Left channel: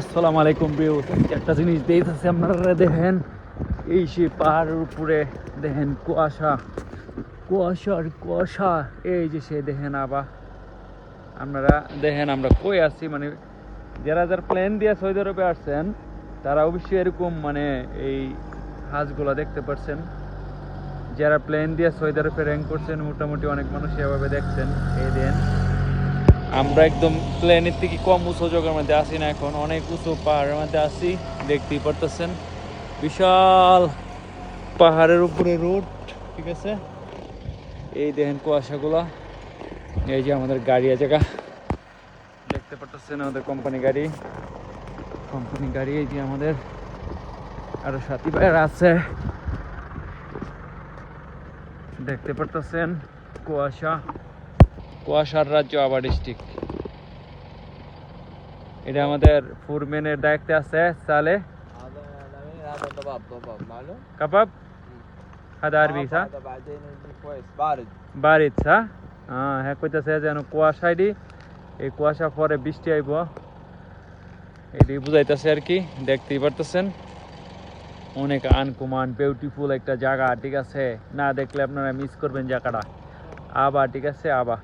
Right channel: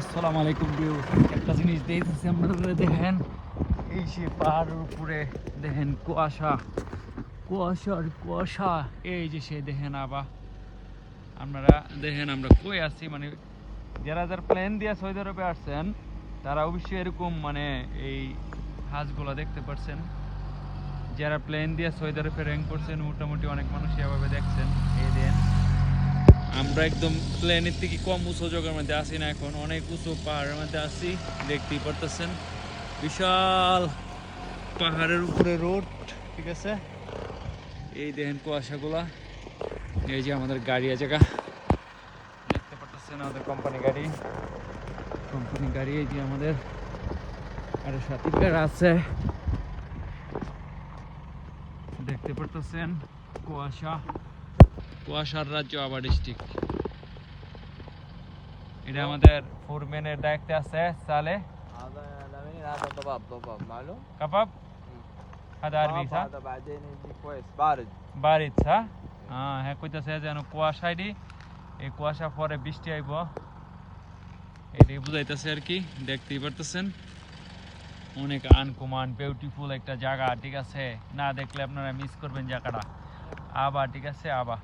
আসসালামু আলাইকুম ভিউয়ার্স, একটা জিনিস দেখতেছি আপনারা দেখেন, এই সে পাহাড়ের উপরে দেখেন কুয়াশা কুয়াশার কুয়াশা। এই যে সে দেখেন আবার আপনারা দেখেন আমরা কই আছি, মানে যারা যারা প্লেন দিয়ে সৌদি আরবে আসছেন তারা অবশ্যই এরকম মানে এই হাঁসগুলো দেখতে পাচ্ছেন। যারা প্লেন দিয়ে সৌদি আরবে র্যাঙ্ক করছেন মোটামুটি অনেক মানুষ এভাবে দেখছেন। এই দেন আমরা একদম প্লেনের থেকে কম উঁচু জায়গার মধ্যে আসি না, এখন অনেক উঁচু পাহাড়ের মধ্যে আসি। দেখতেই পারতেছেন বিশাল পাহাড়ের উপরে রোড, ঠিক আছে। এই দেখেন কুয়াশাগুলা, এই যে আমাদের গাড়ি আছে, দেখতে পারতেছেন আমাদের কোম্পানি গাড়ি। এই যে আমাদের আরো সাথী ভাইয়েরা আছে, দেখতে পারতেছেন কুয়াশার রাজ্য আবার ডিস্ট্রিক্ট। এটা আমাদের ফুরম্যানের দায়িত্বে আছে সালে هذا ضباب معلوم কাবাব। هذا عربي صح؟ هذا بعدين يجي كويس بارد বারিদ صح? হ্যাঁ কইতাছে যেন কুয়াশায় এই কুয়াশা পরে বৃষ্টি আইব, এটি বুঝাইতেছে আর কি। দেখতেই পারতেছেন অনেক আনকমন বিউটিফুল একটা জায়গা, ঠিক আছে। না দেখলে আপনারা মিস করবেন জায়গাটা। আবার ঠিক আছে আবার